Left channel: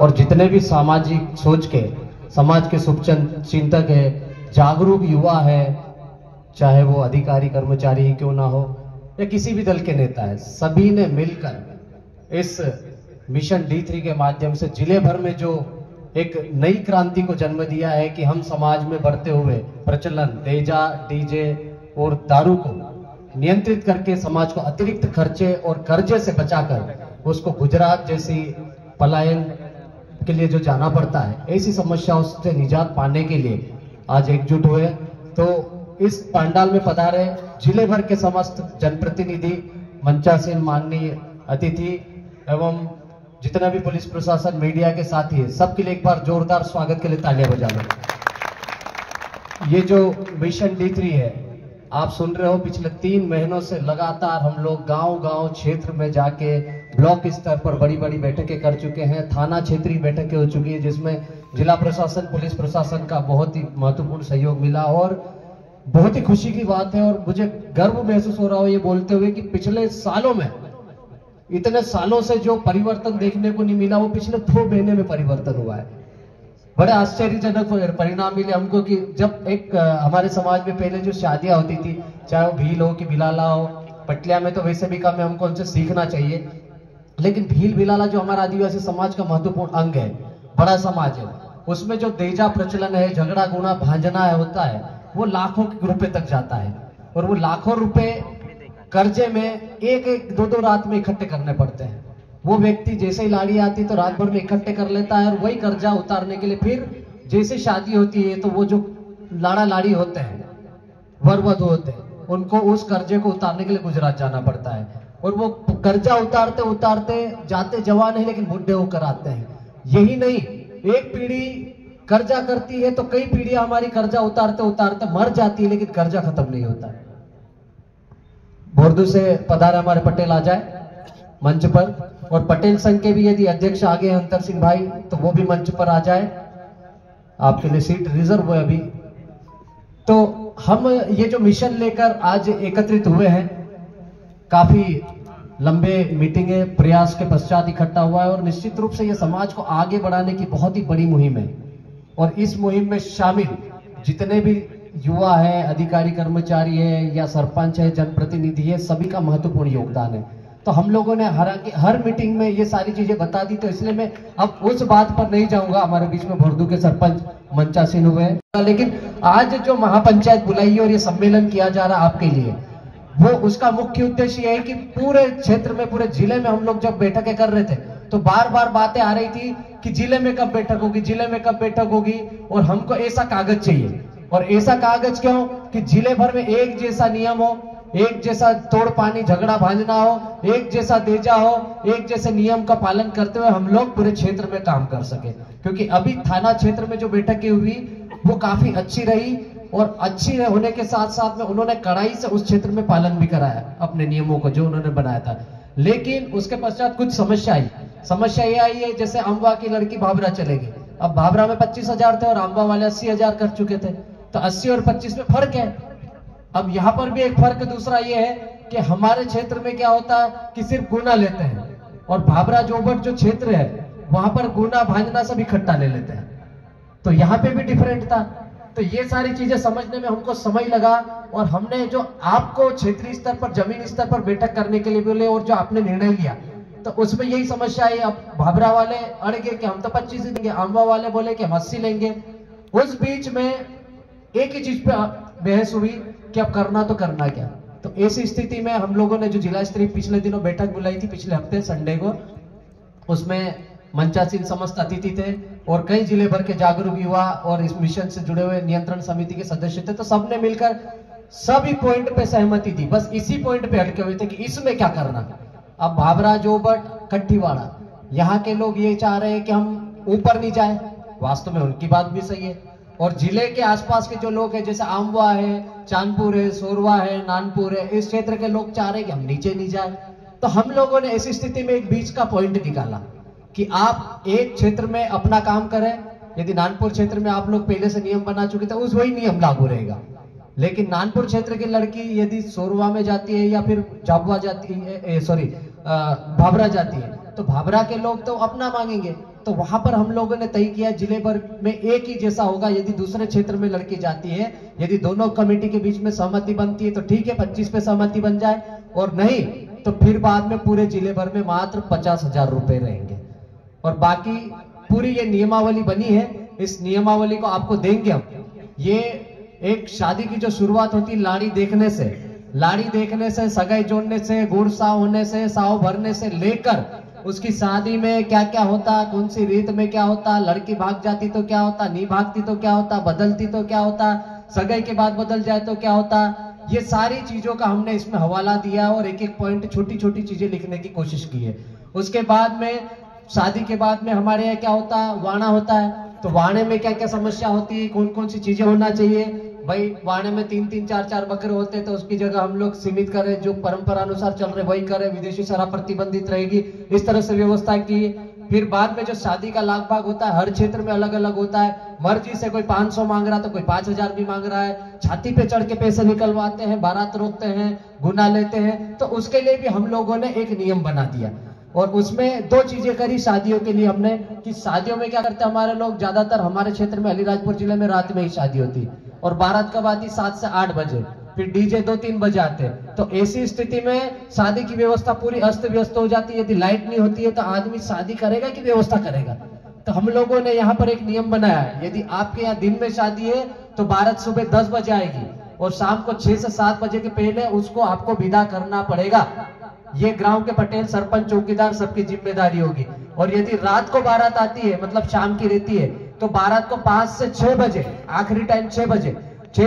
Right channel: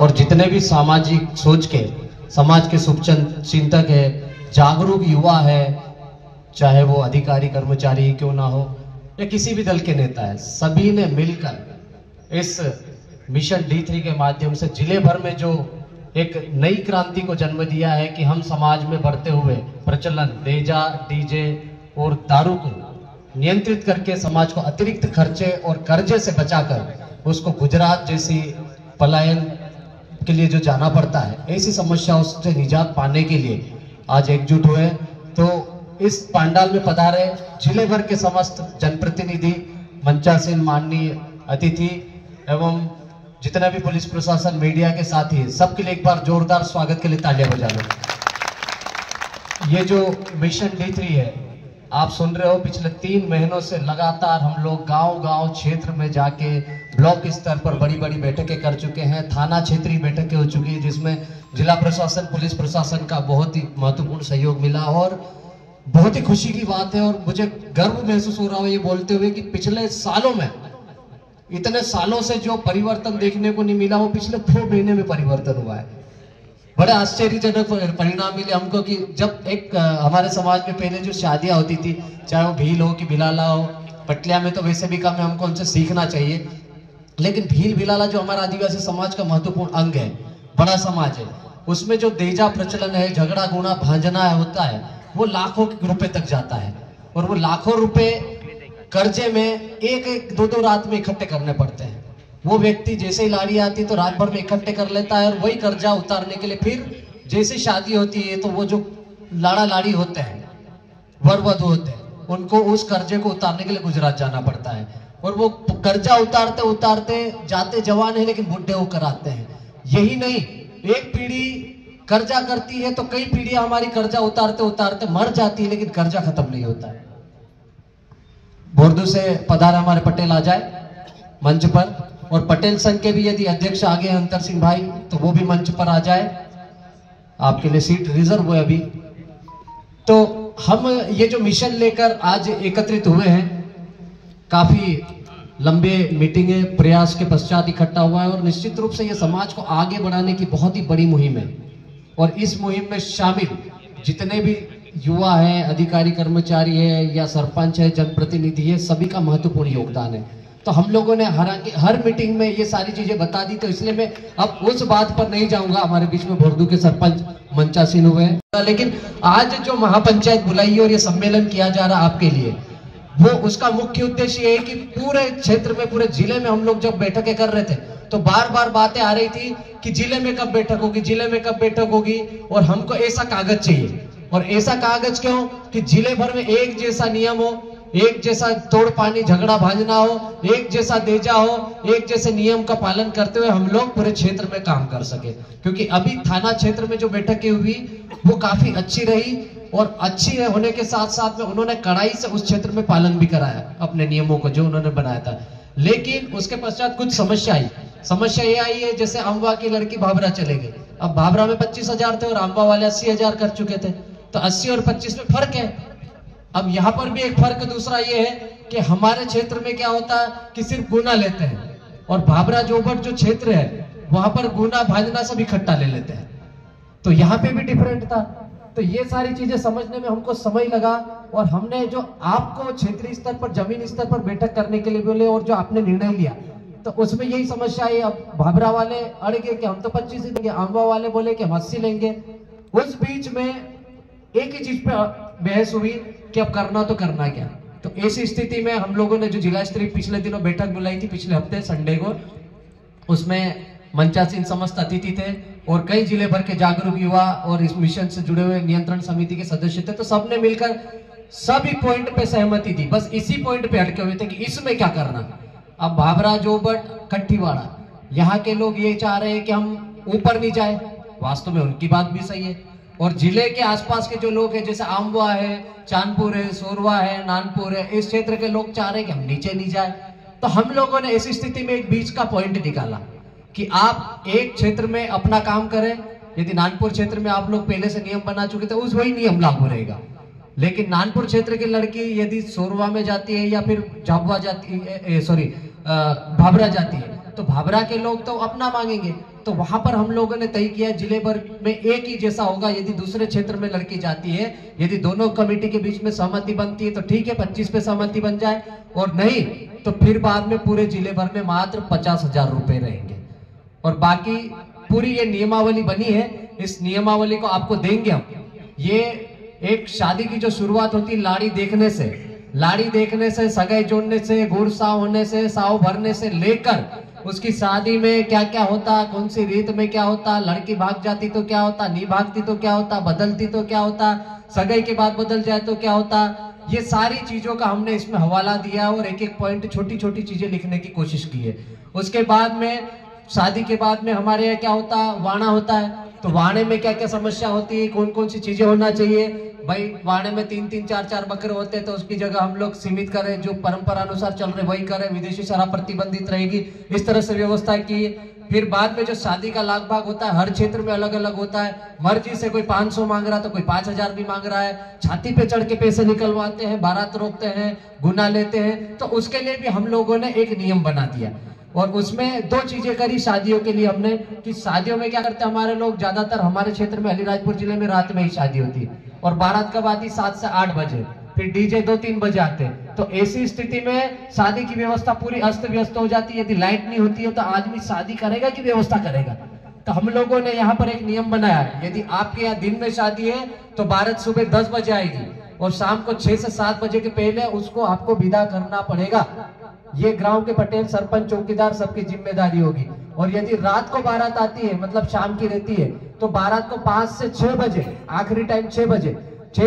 और जितने भी सामाजिक सोच के, समाज के शुभचिंतक है, जागरूक युवा है, चाहे वो अधिकारी कर्मचारी क्यों ना हो या किसी भी दल के नेता है, सभी ने मिलकर इस मिशन D3 के माध्यम से जिले भर में जो एक नई क्रांति को जन्म दिया है कि हम समाज में बढ़ते हुए प्रचलन डेजा, डीजे और दारू को नियंत्रित करके समाज को अतिरिक्त खर्चे और कर्जे से बचाकर उसको गुजरात जैसी पलायन के लिए जो जाना पड़ता है, ऐसी समस्याओं से निजात पाने के लिए आज एकजुट हुए। तो इस पंडाल में पधारे जिले भर के समस्त जनप्रतिनिधि, मंचासीन माननीय अतिथि एवं जितना भी पुलिस प्रशासन, मीडिया के साथी है, सबके लिए एक बार जोरदार स्वागत के लिए तालियां बजा लो। ये जो मिशन D3 है, आप सुन रहे हो, पिछले 3 महीनों से लगातार हम लोग गांव-गांव क्षेत्र में जाके ब्लॉक स्तर पर बड़ी बड़ी बैठकें कर चुके हैं, थाना क्षेत्रीय बैठकें हो चुकी है, जिसमें जिला प्रशासन, पुलिस प्रशासन का बहुत ही महत्वपूर्ण सहयोग मिला और बहुत ही खुशी की बात है। और मुझे गर्व महसूस हो रहा हो ये बोलते हुए कि पिछले सालों में, इतने सालों से जो परिवर्तन देखने को नहीं मिला, वो पिछले 2 महीने में परिवर्तन हुआ है। बड़ा आश्चर्यजनक परिणाम मिले हमको कि जब एक हमारे समाज में पहले जो शादियां होती थी, चाहे वो भील हो कि भिलाला हो, पटलिया में तो वैसे भी कम है, हमको उनसे सीखना चाहिए, लेकिन भील भिलाला जो हमारा आदिवासी समाज का महत्वपूर्ण अंग है, बड़ा समाज है, उसमें जो देजा प्रचलन है, झगड़ा गुना भांजना होता है, वो लाखों रुपए तक जाता है और वो लाखों रुपए कर्जे में 1-2 रात में इकट्ठे करने पड़ते हैं। वो व्यक्ति जैसे ही लाड़ी आती है तो रात भर में इकट्ठे कर लेता है और वही कर्जा उतारने के लिए फिर जैसे शादी होती है तो वो जो लाड़ा लाड़ी होते हैं, वर वधू होते हैं, उनको उस कर्जे को उतारने के लिए गुजरात जाना पड़ता है और वो कर्जा उतारते उतारते जाते जवान है लेकिन बुढ़े होकर आते हैं। यही नहीं, एक पीढ़ी कर्जा करती है तो कई पीढ़ियां हमारी कर्जा उतारते उतारते मर जाती है, लेकिन कर्जा खत्म नहीं होता है। बोर्दू से पधारे हमारे पटेल आ जाए मंच पर, और पटेल संघ के भी यदि अध्यक्ष आगे हैं अंतर सिंह भाई, तो वो भी मंच पर आ जाए, आपके लिए सीट रिजर्व है अभी। तो हम ये जो मिशन लेकर आज एकत्रित हुए हैं, काफी लंबे मीटिंगे प्रयास के पश्चात इकट्ठा हुआ है और निश्चित रूप से ये समाज को आगे बढ़ाने की बहुत ही बड़ी मुहिम है और इस मुहिम में शामिल जितने भी युवा हैं, अधिकारी कर्मचारी है या सरपंच है, जनप्रतिनिधि है, सभी का महत्वपूर्ण योगदान है। तो हम लोगों ने हर मीटिंग में ये सारी चीजें बता दी, तो इसलिए मैं अब उस बात पर नहीं जाऊंगा। हमारे बीच में भोरदू के सरपंच मंचासीन हुए हैं, लेकिन आज जो महापंचायत बुलाई है और ये सम्मेलन किया जा रहा है आपके लिए, वो उसका मुख्य उद्देश्य है कि पूरे क्षेत्र में, पूरे जिले में हम लोग जब बैठकें कर रहे थे तो बार बार बातें आ रही थी कि जिले में कब बैठक होगी, जिले में कब बैठक होगी, और हमको ऐसा कागज चाहिए। और ऐसा कागज क्यों कि जिले भर में एक जैसा नियम हो, एक जैसा तोड़ पानी झगड़ा भांजना हो, एक जैसा देजा हो, एक जैसे नियम का पालन करते हुए हम लोग पूरे क्षेत्र में काम कर सके। क्योंकि अभी थाना क्षेत्र में जो बैठकें हुई वो काफी अच्छी रही और अच्छी होने के साथ साथ में उन्होंने कड़ाई से उस क्षेत्र में पालन भी कराया अपने नियमों को जो उन्होंने बनाया था। लेकिन उसके पश्चात कुछ समस्या आई। समस्या ये आई है, जैसे अम्बा की लड़की भाभरा चले गई, अब भाभरा में 25,000 थे और अम्बा वाले 80,000 कर चुके थे, तो 80 और 25 में फर्क है। अब यहाँ पर भी एक फर्क दूसरा ये है कि हमारे क्षेत्र में क्या होता है कि सिर्फ गुना लेते हैं और भाभरा जोबट जो क्षेत्र है वहां पर गुना भांजना सब इकट्ठा ले लेते हैं, तो यहाँ पे भी डिफरेंट था। तो ये सारी चीजें समझने में हमको समय लगा और हमने जो आपको क्षेत्रीय स्तर पर, जमीन स्तर पर बैठक करने के लिए बोले और जो आपने निर्णय लिया, तो उसमें यही समस्या आई। अब भाभरा वाले अड़ गए कि हम तो 25 ही देंगे, अम्बा वाले बोले कि हम 80 लेंगे। उस बीच में एक ही चीज पे बहस हुई कि अब करना तो करना क्या। तो ऐसी स्थिति में हम लोगों ने जो जिला स्तरीय पिछले दिनों बैठक बुलाई थी, पिछले हफ्ते संडे को, उसमें मंचासीन समस्त अतिथि थे और कई जिले भर के जागरूक युवा और इस मिशन से जुड़े हुए नियंत्रण समिति के सदस्य थे। तो सबने मिलकर सभी पॉइंट पे सहमति थी, बस इसी पॉइंट पे अटके हुए थे कि इसमें क्या करना। अब भाभरा जोबट कट्ठीवाड़ा यहाँ के लोग ये चाह रहे हैं कि हम ऊपर नहीं जाए, वास्तव में उनकी बात भी सही है, और जिले के आसपास के जो लोग हैं जैसे आमवा है, चांदपुर है, सोरवा है, नानपुर है, इस क्षेत्र के लोग चाह रहे हैं कि हम नीचे नहीं जाए। तो हम लोगों ने ऐसी स्थिति में एक बीच का पॉइंट निकाला कि आप एक क्षेत्र में अपना काम करें। यदि नानपुर क्षेत्र में आप लोग पहले से नियम बना चुके थे, उस वही नियम लागू रहेगा, लेकिन नानपुर क्षेत्र की लड़की यदि सोरवा में जाती है या फिर झाबुआ जाती है, भाभरा जाती है, तो भाभरा के लोग तो अपना मांगेंगे तो वहां पर हम लोगों ने तय किया जिले भर में एक ही जैसा होगा। यदि दूसरे क्षेत्र में लड़की जाती है, यदि दोनों कमेटी के बीच में सहमति बनती है तो ठीक है, 25 पे सहमति बन जाए, और नहीं तो फिर बाद में पूरे जिले भर में मात्र 50,000 रुपए रहेंगे। और बाकी पूरी ये नियमावली बनी है, इस नियमावली को आपको देंगे हम। ये एक शादी की जो शुरुआत होती है लाड़ी देखने से, सगाई जोड़ने से, गुड़ साव होने से, साव भरने से लेकर उसकी शादी में क्या क्या होता, कौन सी रीत में क्या होता, लड़की भाग जाती तो क्या होता, नहीं भागती तो क्या होता, बदलती तो क्या होता, सगाई के बाद बदल जाए तो क्या होता, ये सारी चीजों का हमने इसमें हवाला दिया और एक एक पॉइंट छोटी छोटी चीजें लिखने की कोशिश की है। उसके बाद में शादी के बाद में हमारे यहाँ क्या होता है, वाणा होता है। तो वाणे में क्या क्या समस्या होती है, कौन कौन सी चीजें होना चाहिए। भाई वाणे में 3-3 4-4 बकरे होते हैं तो उसकी जगह हम लोग सीमित करें, जो परंपरा अनुसार चल रहे वही करें, विदेशी शराब प्रतिबंधित रहेगी, इस तरह से व्यवस्था की। फिर बाद में जो शादी का लाख भाग होता है हर क्षेत्र में अलग अलग होता है। मर्जी से कोई 500 मांग रहा है तो कोई 5,000 भी मांग रहा है। छाती पे चढ़ के पैसे निकलवाते हैं, बारात रोकते हैं, गुना लेते हैं। तो उसके लिए भी हम लोगों ने एक नियम बना दिया और उसमें 2 चीजें करी शादियों के लिए हमने, कि शादियों में क्या करते हैं हमारे लोग, ज्यादातर हमारे क्षेत्र में अलीराजपुर जिले में रात में ही शादी होती है और बारात कब आती 7 से 8 बजे, फिर डीजे 2-3 बजे आते हैं। तो ऐसी स्थिति में शादी की व्यवस्था पूरी अस्त व्यस्त हो जाती है। यदि लाइट नहीं होती है तो आदमी शादी करेगा कि व्यवस्था करेगा। तो हम लोगों ने यहाँ पर एक नियम बनाया है, यदि आपके यहाँ दिन में शादी है तो बारात सुबह 10 बजे आएगी और शाम को 6 से 7 बजे के पहले उसको आपको विदा करना पड़ेगा। ये गांव के पटेल, सरपंच, चौकीदार सबकी जिम्मेदारी होगी। और यदि रात को बारात आती है, मतलब शाम की रहती है, तो बारात को 5 से 6 बजे, आखिरी टाइम 6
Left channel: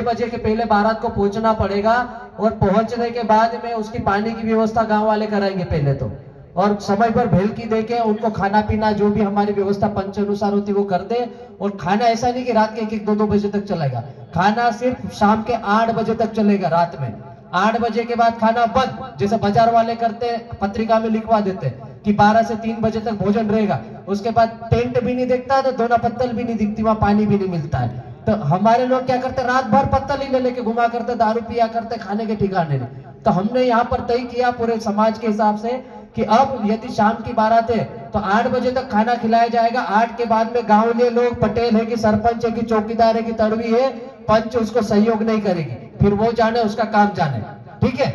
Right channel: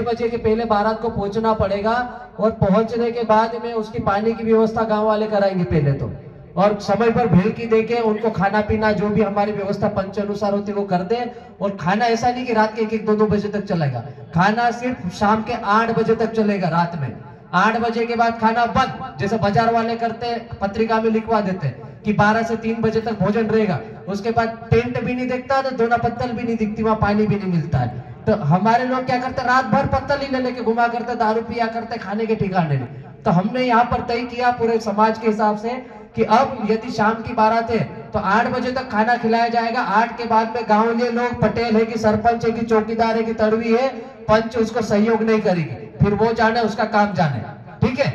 बजे के पहले बारात को पहुंचना पड़ेगा। और पहुंचने के बाद में उसकी पानी की व्यवस्था गांव वाले कराएंगे पहले तो, और समय पर भेलकी देके उनको खाना पीना जो भी हमारी व्यवस्था पंच अनुसार होती है वो कर दे। और खाना ऐसा नहीं कि रात के 1-1, 2-2 बजे तक चलेगा, खाना सिर्फ शाम के 8 बजे तक चलेगा। रात में 8 बजे के बाद खाना बंद, जैसे बाजार वाले करते हैं, पत्रिका में लिखवा देते हैं कि 12 से 3 बजे तक भोजन रहेगा। उसके बाद टेंट भी नहीं दिखता है, तो दोना पत्तल भी नहीं दिखती, वहां पानी भी नहीं मिलता है। तो हमारे लोग क्या करते, रात भर पत्तल ही ले लेके घुमा करते, दारू पिया करते, खाने के ठिकाने नहीं। तो हमने यहाँ पर तय किया पूरे समाज के हिसाब से कि अब यदि शाम की बारात है तो 8 बजे तक खाना खिलाया जाएगा। 8 के बाद में गाँव के लोग, पटेल है कि सरपंच है कि चौकीदार है कि तड़वी है, पंच उसको सहयोग नहीं करेगी, फिर वो जाने, उसका काम जाने, ठीक है।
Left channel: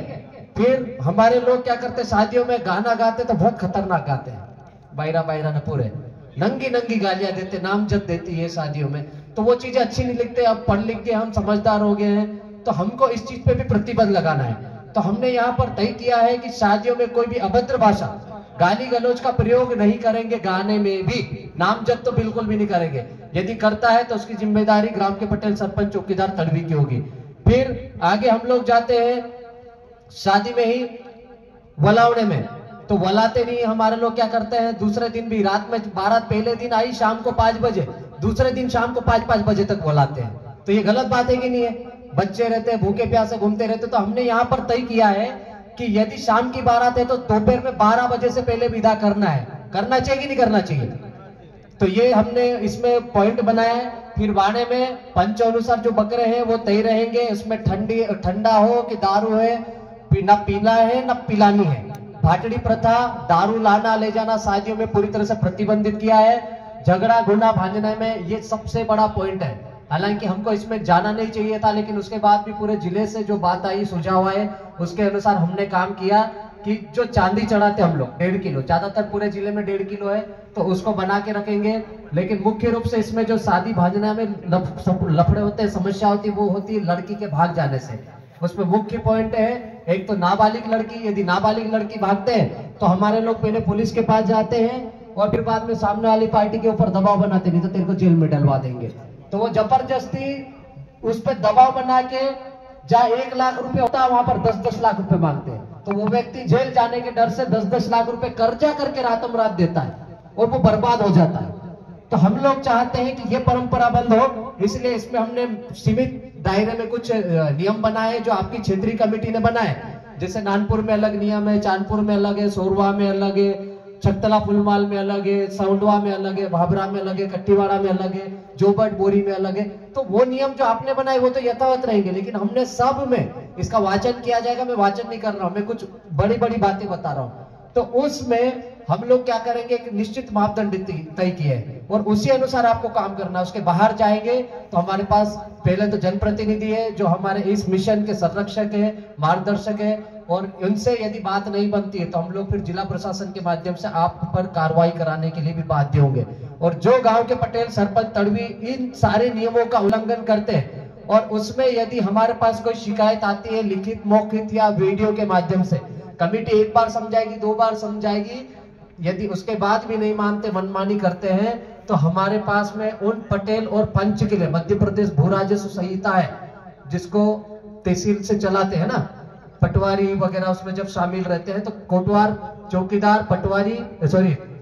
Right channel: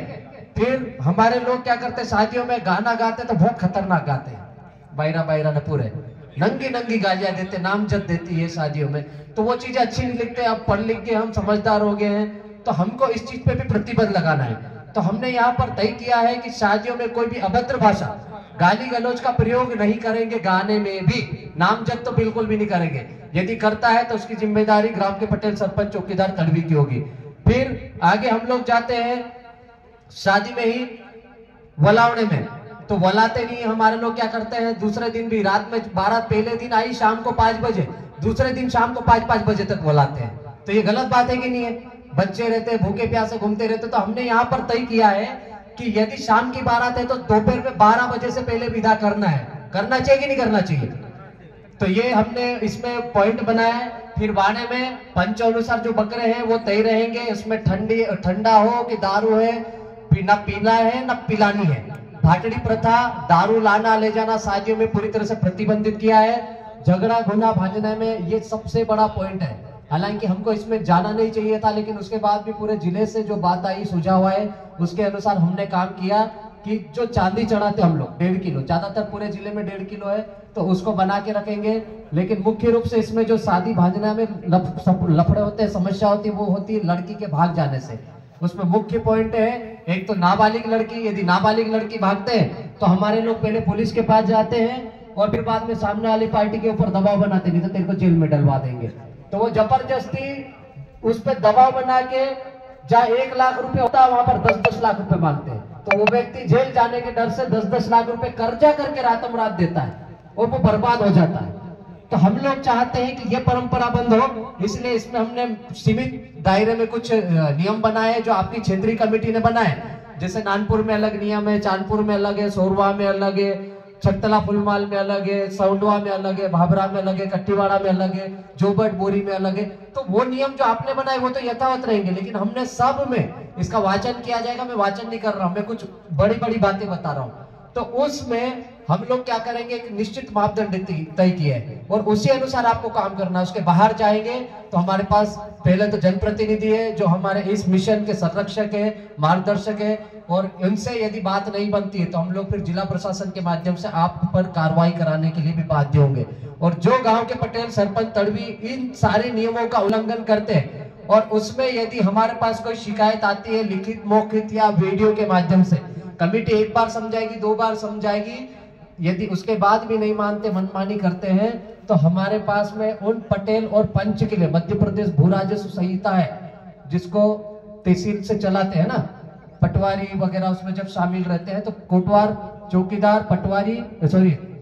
फिर हमारे लोग क्या करते, शादियों में गाना गाते तो बहुत खतरनाक गाते हैं, बायरा ने पूरे नंगी गालियां देते, नामजद देती है शादियों में। तो वो चीजें अच्छी नहीं लिखते। अब पढ़ लिख के हम समझदार हो गए हैं तो हमको इस चीज पे भी प्रतिबंध लगाना है। तो हमने यहाँ पर तय किया है कि शादियों में कोई भी अभद्र भाषा, गाली गलौज का प्रयोग नहीं करेंगे। गाने में भी नामजद तो बिल्कुल भी नहीं करेंगे। यदि करता है तो उसकी जिम्मेदारी ग्राम के पटेल, सरपंच, चौकीदार, तड़वी की होगी। फिर आगे हम लोग जाते हैं शादी में ही वलावने में। तो वलाते नहीं, हमारे लोग क्या करते हैं, दूसरे दिन भी रात में, बारात पहले दिन आई शाम को 5 बजे, दूसरे दिन शाम को 5-5 बजे तक वलाते हैं। तो ये गलत बात है कि नहीं है? बच्चे रहते हैं, भूखे प्यासे घूमते रहते। तो हमने यहाँ पर तय किया है कि यदि शाम की बारात है तो दोपहर में 12 बजे से पहले विदा करना है। करना चाहिए कि नहीं करना चाहिए? तो ये हमने इसमें पॉइंट बनाया है। फिर वाणे में पंच अनुसार जो बकरे हैं वो तय रहेंगे। इसमें ठंडा हो कि दारू है, ना पीना है ना पिलानी है। भाटड़ी प्रथा, दारू लाना ले जाना शादियों में पूरी तरह से प्रतिबंधित किया है। झगड़ा गुना भांजने में ये सबसे बड़ा पॉइंट है। हालांकि हमको इसमें जाना नहीं चाहिए था, लेकिन उसके बाद भी पूरे जिले से जो बात आई, सुझाव आए, उसके अनुसार हमने काम किया कि जो चांदी चढ़ाते हम लोग 1.5 किलो, ज्यादातर पूरे जिले में 1.5 किलो है, तो उसको बना के रखेंगे। लेकिन मुख्य रूप से इसमें जो शादी भांजना में लफड़े होते हैं, समस्या होती है, वो होती है लड़की के भाग जाने से। उसमें मुख्य पॉइंट है, एक तो नाबालिग लड़की। यदि नाबालिग लड़की भागते हैं तो हमारे लोग पहले पुलिस के पास जाते हैं और फिर बाद में सामने वाली पार्टी के ऊपर दबाव बनाते, नहीं तो तेरे को जेल में डलवा देंगे। तो वो जबरदस्ती उस पर दबाव बना के, जहाँ 1 लाख रुपए होता है वहां पर 10-10 लाख रुपए मांगते हैं। तो वो व्यक्ति जेल जाने के डर से 10-10 लाख रुपए कर्जा करके रातम रात देता है और वो बर्बाद हो जाता है। तो हम लोग चाहते हैं कि ये परंपरा बंद हो, इसलिए इसमें हमने सीमित दायरे में कुछ नियम बनाए जो आपकी क्षेत्रीय कमेटी ने बनाए। जैसे नानपुर में अलग नियम है, चांदपुर में अलग है, सोरवा में अलग है, छकतला फुलमाल में अलग है, सौंडवा में अलग है, भाभरा में अलग है, कट्टीवाड़ा में अलग है, जोबट बोरी में अलग है। तो वो नियम जो आपने बनाए वो तो यथावत रहेंगे, लेकिन हमने सब में इसका वाचन किया जाएगा। मैं वाचन नहीं कर रहा हूं, मैं कुछ बड़ी बड़ी बातें बता रहा हूं। तो उसमें हम लोग क्या करेंगे, एक निश्चित मापदंड तय किए हैं और उसी अनुसार आपको काम करना है। उसके बाहर जाएंगे तो हमारे पास पहले तो जनप्रतिनिधि है जो हमारे इस मिशन के संरक्षक है, मार्गदर्शक है, और इनसे यदि बात नहीं बनती है तो हम लोग फिर जिला प्रशासन के माध्यम से आप पर कार्रवाई कराने के लिए भी बाध्य होंगे। और जो गांव के पटेल, सरपंच, तड़वी इन सारे नियमों का उल्लंघन करते हैं और उसमें यदि हमारे पास कोई शिकायत आती है लिखित, मौखिक या वीडियो के माध्यम से, कमेटी एक बार समझाएगी, 2 बार समझाएगी, यदि उसके बाद भी नहीं मानते, मनमानी करते हैं, तो हमारे पास में उन पटेल और पंच के लिए मध्य प्रदेश भू राजस्व संहिता है जिसको तहसील से चलाते हैं ना, पटवारी वगैरह उसमें जब शामिल रहते हैं तो कोटवार, चौकीदार,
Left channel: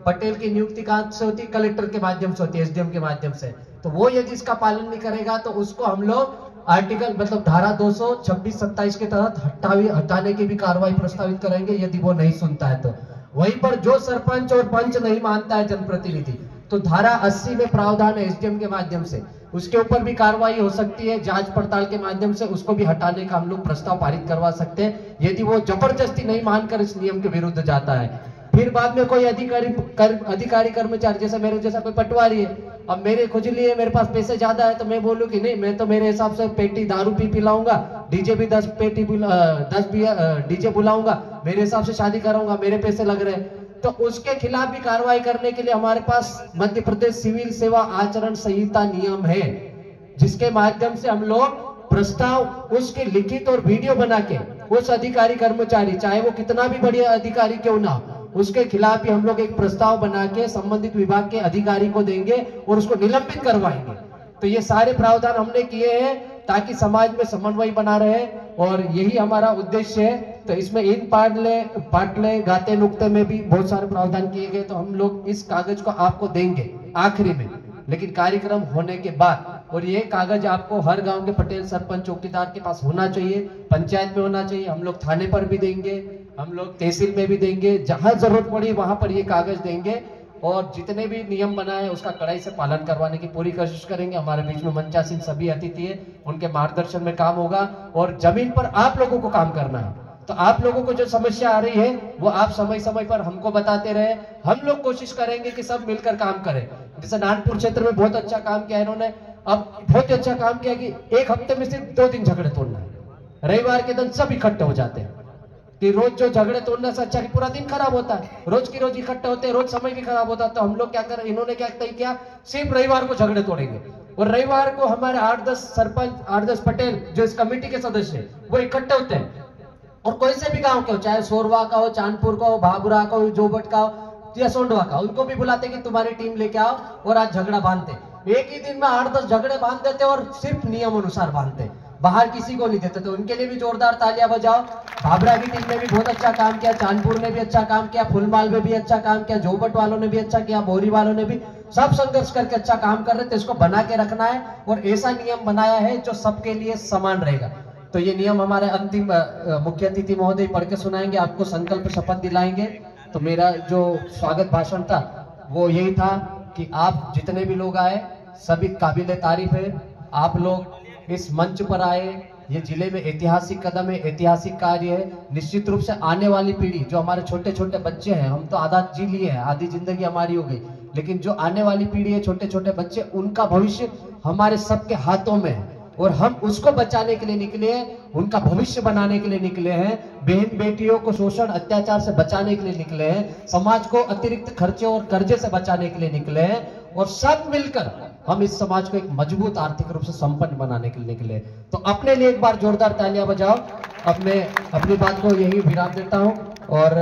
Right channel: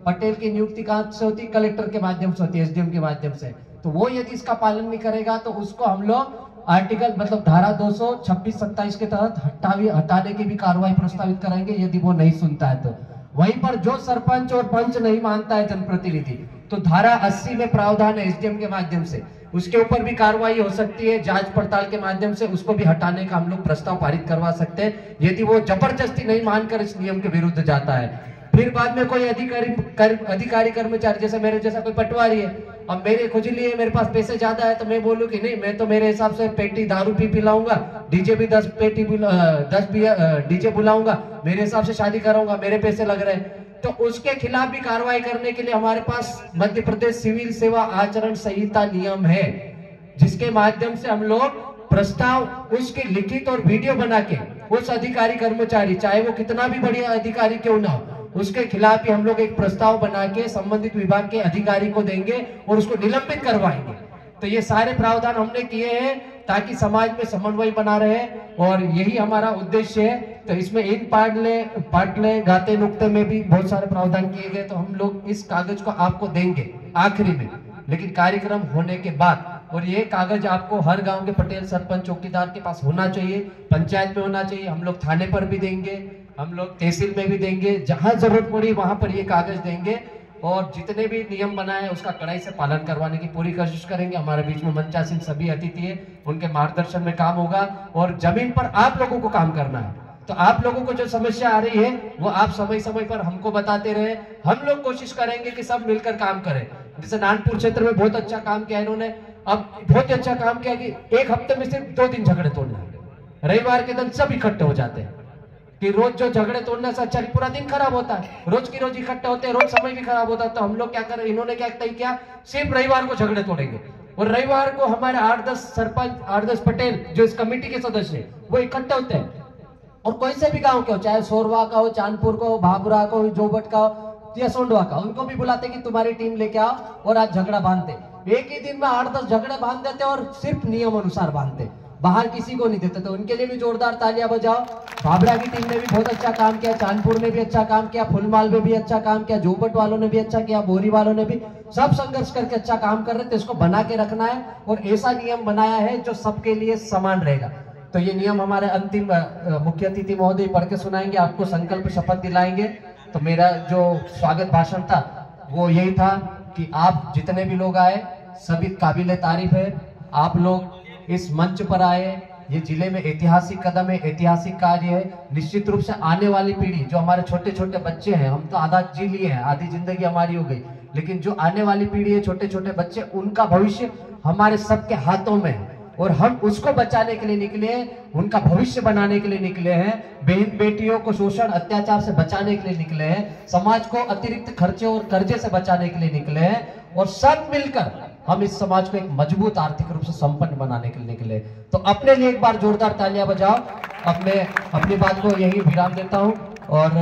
पटेल की नियुक्ति कहां से होती है, कलेक्टर के माध्यम से होती है, एसडीएम के माध्यम से। तो वो यदि इसका पालन नहीं करेगा तो उसको हम लोग आर्टिकल मतलब धारा 226-27 के तहत हटाने की भी कार्रवाई प्रस्तावित करेंगे यदि वो नहीं सुनता है तो। वहीं पर जो सरपंच और पंच नहीं मानता है जनप्रतिनिधि, तो धारा 80 में प्रावधान है एसडीएम के माध्यम से, उसके ऊपर भी कार्रवाई हो सकती है, जांच पड़ताल के माध्यम से उसको भी हटाने का हम लोग प्रस्ताव पारित करवा सकते हैं यदि वो जबरदस्ती नहीं मानकर इस नियम के विरुद्ध जाता है। फिर बाद में कोई अधिकारी कर्मचारी, जैसे मेरे जैसा कोई पटवारी है, अब मेरे खुजली है, मेरे पास पैसे ज्यादा है, तो मैं बोलूं कि नहीं, मैं तो मेरे हिसाब से पेटी दारू पी पिलाऊंगा, डीजे भी 10 डीजे बुलाऊंगा, मेरे हिसाब से शादी कराऊंगा, मेरे पैसे लग रहे हैं, तो उसके खिलाफ भी कार्रवाई करने के लिए हमारे पास मध्य प्रदेश सिविल सेवा आचरण संहिता नियम है, जिसके माध्यम से हम लोग प्रस्ताव उसके लिखित और वीडियो बना के उस अधिकारी कर्मचारी, चाहे वो कितना भी बढ़िया अधिकारी क्यों ना हो, उसके खिलाफ भी हम लोग एक प्रस्ताव बना के संबंधित विभाग के अधिकारी को देंगे और उसको निलंबित करवाएंगे। तो ये सारे प्रावधान हमने किए हैं ताकि समाज में समन्वय बना रहे और यही हमारा उद्देश्य है। तो इसमें इन पाटले गाते नुक्ते में भी बहुत सारे प्रावधान किए गए, तो हम लोग इस कागज को आपको देंगे आखिरी में, लेकिन कार्यक्रम होने के बाद। और ये कागज आपको हर गांव के पटेल, सरपंच, चौकीदार के पास होना चाहिए, पंचायत में होना चाहिए, हम लोग थाने पर भी देंगे, हम लोग तहसील में भी देंगे, जहां जरूरत पड़ी वहां पर ये कागज देंगे और जितने भी नियम बनाए उसका कड़ाई से पालन करवाने की पूरी कोशिश करेंगे। हमारे बीच में मंचासीन सभी अतिथि है, उनके मार्गदर्शन में काम होगा और जमीन पर आप लोगों को काम करना है। तो आप लोगों को जो समस्या आ रही है वो आप समय समय पर हमको बताते रहे, हम लोग कोशिश करेंगे कि सब मिलकर काम करें। जैसे नानपुर क्षेत्र में बहुत अच्छा काम किया इन्होंने, अब बहुत अच्छा काम किया कि एक हफ्ते में सिर्फ 2 दिन झगड़े तोड़ना है, रविवार के दिन सब इकट्ठे हो जाते हैं कि रोज जो झगड़े तोड़ने से अच्छा कि पूरा दिन खराब होता है, रोज की रोज इकट्ठे होते हैं, रोज समय भी खराब होता है। तो हम लोग क्या करें, इन्होंने क्या तय किया, सिर्फ रविवार को झगड़े तोड़ेंगे और रविवार को हमारे 8-10 सरपंच, 8-10 पटेल जो इस कमेटी के सदस्य हैं वो इकट्ठे होते हैं और कोई से भी गांव के हो, चाहे सोरवा का हो, चांदपुर का हो, भाबुरा का हो, जोबट का हो या सोंडवा का, उनको भी बुलाते कि तुम्हारी टीम लेके आओ और आज झगड़ा बांधते। एक ही दिन में 8-10 झगड़े बांध देते और सिर्फ नियम अनुसार बांधते, बाहर किसी को नहीं देते। तो उनके लिए भी जोरदार तालियां बजाओ। भाबरा की टीम ने भी बहुत अच्छा काम किया, चांदपुर ने भी अच्छा काम किया, फुलमाल में भी अच्छा काम किया, जोबट वालों ने भी अच्छा किया, बोरी वालों ने भी, सब संघर्ष करके अच्छा काम कर रहे थे। इसको बना के रखना है और ऐसा नियम बनाया है जो सबके लिए समान रहेगा। तो ये नियम हमारे अंतिम मुख्य अतिथि महोदय पढ़ के सुनाएंगे, आपको संकल्प शपथ दिलाएंगे। तो मेरा जो स्वागत भाषण था वो यही था कि आप जितने भी लोग आए सभी काबिले तारीफ है, आप लोग इस मंच पर आए, ये जिले में ऐतिहासिक कदम है, ऐतिहासिक कार्य है। निश्चित रूप से आने वाली पीढ़ी, जो हमारे छोटे छोटे बच्चे हैं, हम तो आधा जी लिए हैं, आधी जिंदगी हमारी हो गई, लेकिन जो आने वाली पीढ़ी है, छोटे छोटे बच्चे, उनका भविष्य हमारे सबके हाथों में है और हम उसको बचाने के लिए निकले, उनका भविष्य बनाने के लिए निकले हैं, बहन बेटियों को शोषण अत्याचार से बचाने के लिए निकले हैं, समाज को अतिरिक्त खर्चे और कर्जे से बचाने के लिए निकले हैं और सब मिलकर हम इस समाज को एक मजबूत आर्थिक रूप से संपन्न बनाने के लिए निकले। तो अपने लिए एक बार जोरदार तालियां बजाओ। अब मैं अपनी बात को यही विराम देता हूं और